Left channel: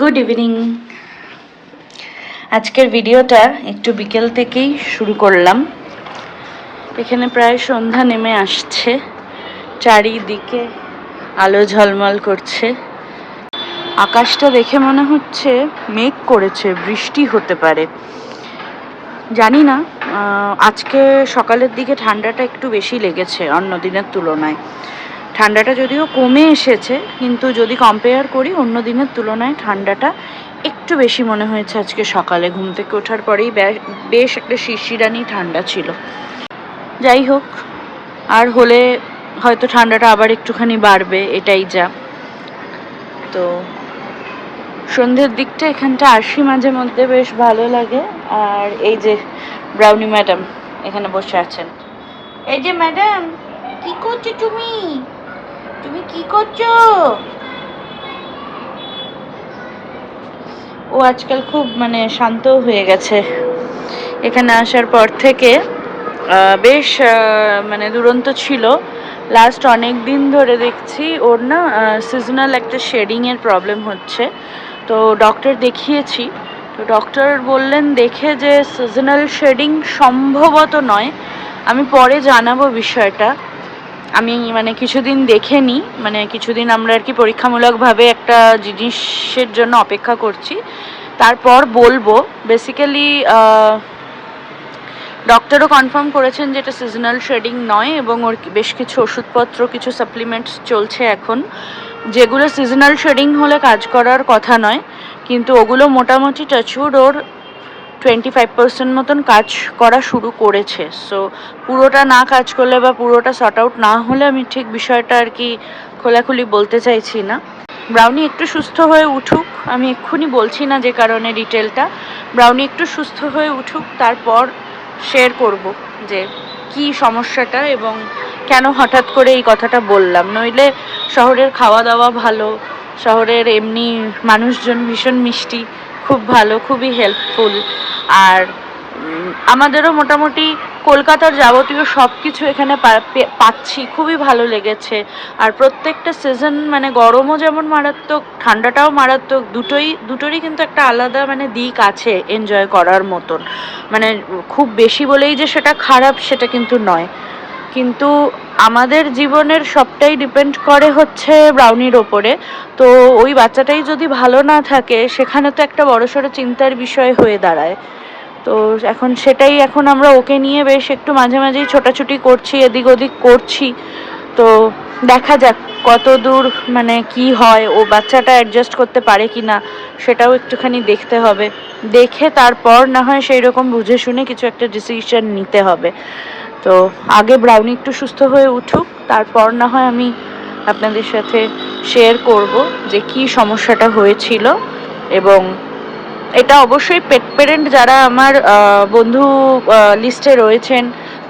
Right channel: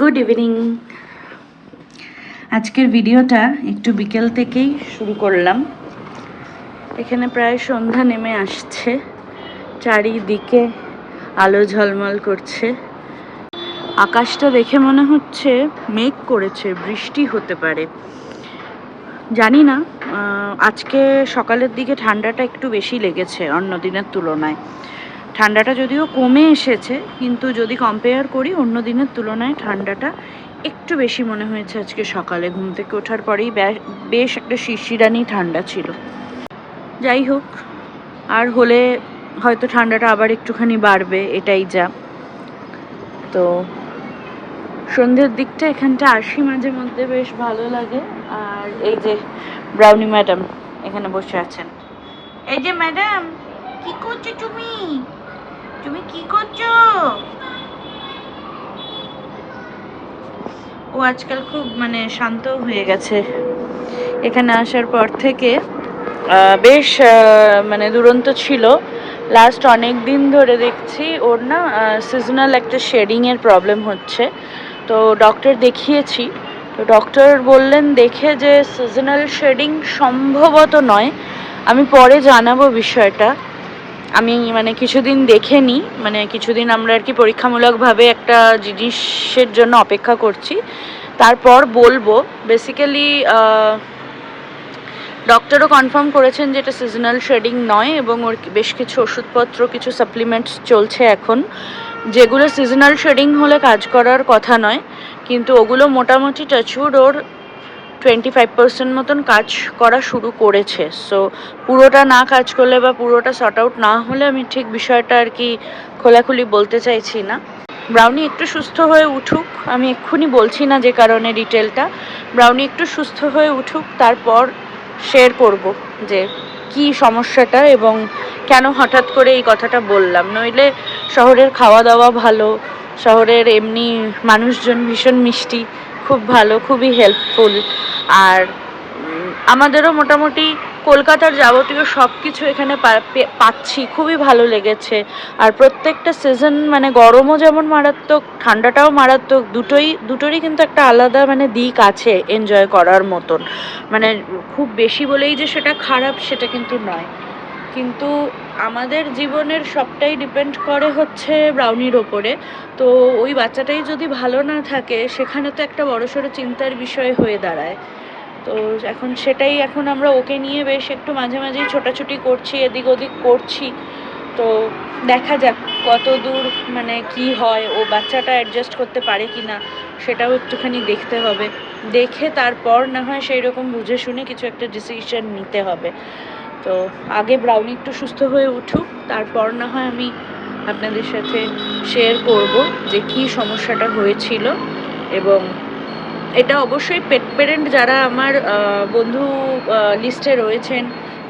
Good evening আজকের ভিডিওটা একটু বিকেল থেকেই শুরু করলাম। এখানে প্রায় সন্ধ্যা নেমে আসছে। চারিদিকে আলো ঝলমল করছে। আকাশটা দেখে মনে হচ্ছে মেঘ করেছে, বৃষ্টি হতে পারে। জানি না আজকে সকালের দিকে ঠান্ডাটা একটু বেশি লেগেছে অন্য দিনের তুলনায়। ঠান্ডাটা যদিও কমে এসেছে, কিন্তু যদি কম্পেয়ার করি, অন্য দিনের তুলনায় ঠান্ডাটা একটু বেশি মনে হয়েছে আজকে সকালে। ঘুম থেকে ওঠার পরেই বেশ একটা শিশিরানি ঠান্ডা ছিল। যাই হোক, আর হলে হয়তো ঠান্ডাটা আবার একটুখানি বাড়বে, এটাই যা। তো সন্ধ্যের দিকটা এখানটা আসি মাঝে মধ্যে, বেশ ভালো লাগে। আর এই যে ব্রাউনি ম্যাডাম এখানে বসে আছেন। এই যে ম্যাডাম, কি করছ তুমি? তুমি কি করছ? ও আজকাল খুব মানে শান্ত হয়ে গেছে। এখানে আসার পর থেকে বেশ মানে দুরন্ত ছিল। লাস্ট অনেক দিন ধরে দেখছি, ওর না সিজনাল একটা শেডিংয়ের প্রবলেম হচ্ছে। তো ডক্টর দেখিয়েছি। তো ডক্টর বললেন, দেখে যে সিজনাল শেডিং সম্ভবত নয়। আমি পরে জানাব বিষয়টা। আমি মানে কিছুদিন দেখে নিই মানে কিছুদিন আমরা আর কি পরীক্ষামূলকভাবে একটা জিনিসের জন্য অপেক্ষা করছি। তারপর বলব বেসিক্যালি ডক্টরও কনফার্ম করেছেন যে এটা সিজনাল শেডিং নয় এবং ওর বেশ কিছু ওষুধপত্র, কিছু সাপ্লিমেন্টস চলছে এখন। যেগুলো সিজনাল শেডিং হলে কাজ করার কথা নয়, কিন্তু ওগুলো মোটামুটি টাচউড ওর টোয়েন্টি ফাইভ পার্সেন্ট মতন কাজ করা শুরু করেছে। সো পুরোটা না কাজ করলে বা পুরোটা শর্ট আউট না হলে আমি ঠিক বিষয়টা আর কি খোলাখুলি বলতে চাইছি না। ব্রাউনি একটু সুস্থ হয়ে উঠুক, আমি এক্ষুনি বলছি না যে কারণে ডিটেলটা ব্রাউনি একটু সুস্থ হয়ে উঠুক, তারপর শেয়ার করব যে কি সমস্যাটা এবং কেন হঠাৎ করে এই কথাটা বললাম। নইলে শহরের খাওয়া দাওয়া ভালো, শহরের এমনি মানুষজন ভীষণ মিষ্টি খুব ভালো, খুবই হেল্পফুল আর আমাদেরও মোটামুটি কলকাতার যাবতীয় সব কিছু এখানে পাচ্ছি, খুবই ভালো লেগেছে। আর প্রত্যেকটা সিজন মানে গরমও যেমন মারাত্মক, ঠান্ডাটাও মারাত্মক, দুটোই, দুটোরই কিন্তু একটা আলাদা মানে দিক আছে এনজয় করার মতন। মানে খুব বেশি বলেই যে সেটা খারাপ সেটা কিন্তু নয়। কিন্তু আমাদের জীবনের সবটাই ডিপেন্ড করে হচ্ছে ব্রাউনির ওপরে। তো ওই বাচ্চাটাই যদি ভালো না থাকে, সেখানে তো একটা বড়সড় চিন্তার বিষয় হয়ে দাঁড়ায়। তো এখন সেটাই এখন আমরা ওকে নিয়ে বেশ একটু মাঝে মাঝেই ছোটাছুটি করছি, এদিক ওদিক করছি। তো দেখা যাক কত দূর মানে কি হয়, ও বাচ্চাটা অ্যাডজাস্ট করতে পারে কি না সেটাও একটুখানি দেখতে হবে। দেখে তারপর না হয় সেই রকম বুঝে শুনে কিছু একটা ডিসিশন নিতে হবে। তো আগে ব্রাউনি একটু সুস্থ হয়ে উঠুক, তারপর না হয় আমি আপনাদের সাথে শেয়ার করব যে কি সমস্যাটা হয়েছিল এবং এটা অবশ্যই পেট পেরেন্ট যারা আমার বন্ধু লিস্টে রয়েছেন,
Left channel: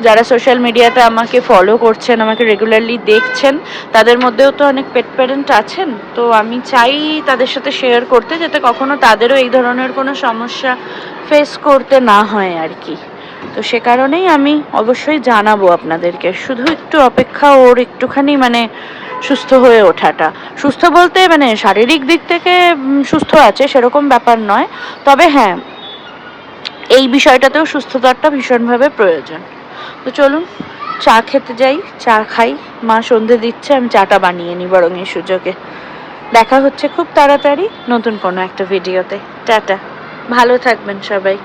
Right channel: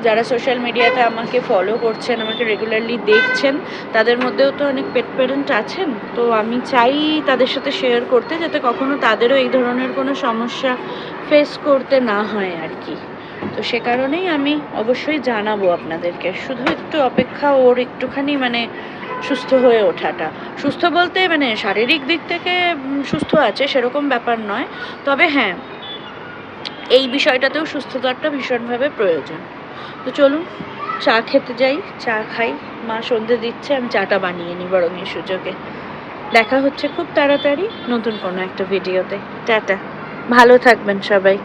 যারা সোশ্যাল মিডিয়াতে আমাকে ফলো করছেন, আমাকে রেগুলারলি দেখছেন, তাদের মধ্যেও তো অনেক পেট প্যারেন্ট আছেন। তো আমি চাই তাদের সাথে শেয়ার করতে যাতে কখনো তাদেরও এই ধরনের কোনো সমস্যা ফেস করতে না হয় আর কি। তো সে কারণেই আমি অবশ্যই জানাব আপনাদেরকে। শুধু একটু অপেক্ষা ওর একটুখানি মানে সুস্থ হয়ে ওঠাটা। সুস্থ বলতে মানে শারীরিক দিক থেকে সুস্থ আছে, সেরকম ব্যাপার নয়। তবে হ্যাঁ এই বিষয়টাতেও সুস্থতাটা ভীষণভাবে প্রয়োজন। তো চলুন, চা খেতে যাই, চা খাই। মা সন্ধে দিচ্ছে, আমি চাটা বানিয়ে নিই বরং এই সুযোগে। দেখা হচ্ছে খুব তাড়াতাড়ি নতুন কোনো একটা ভিডিওতে। টাটা। ভালো থাকবেন সবাই।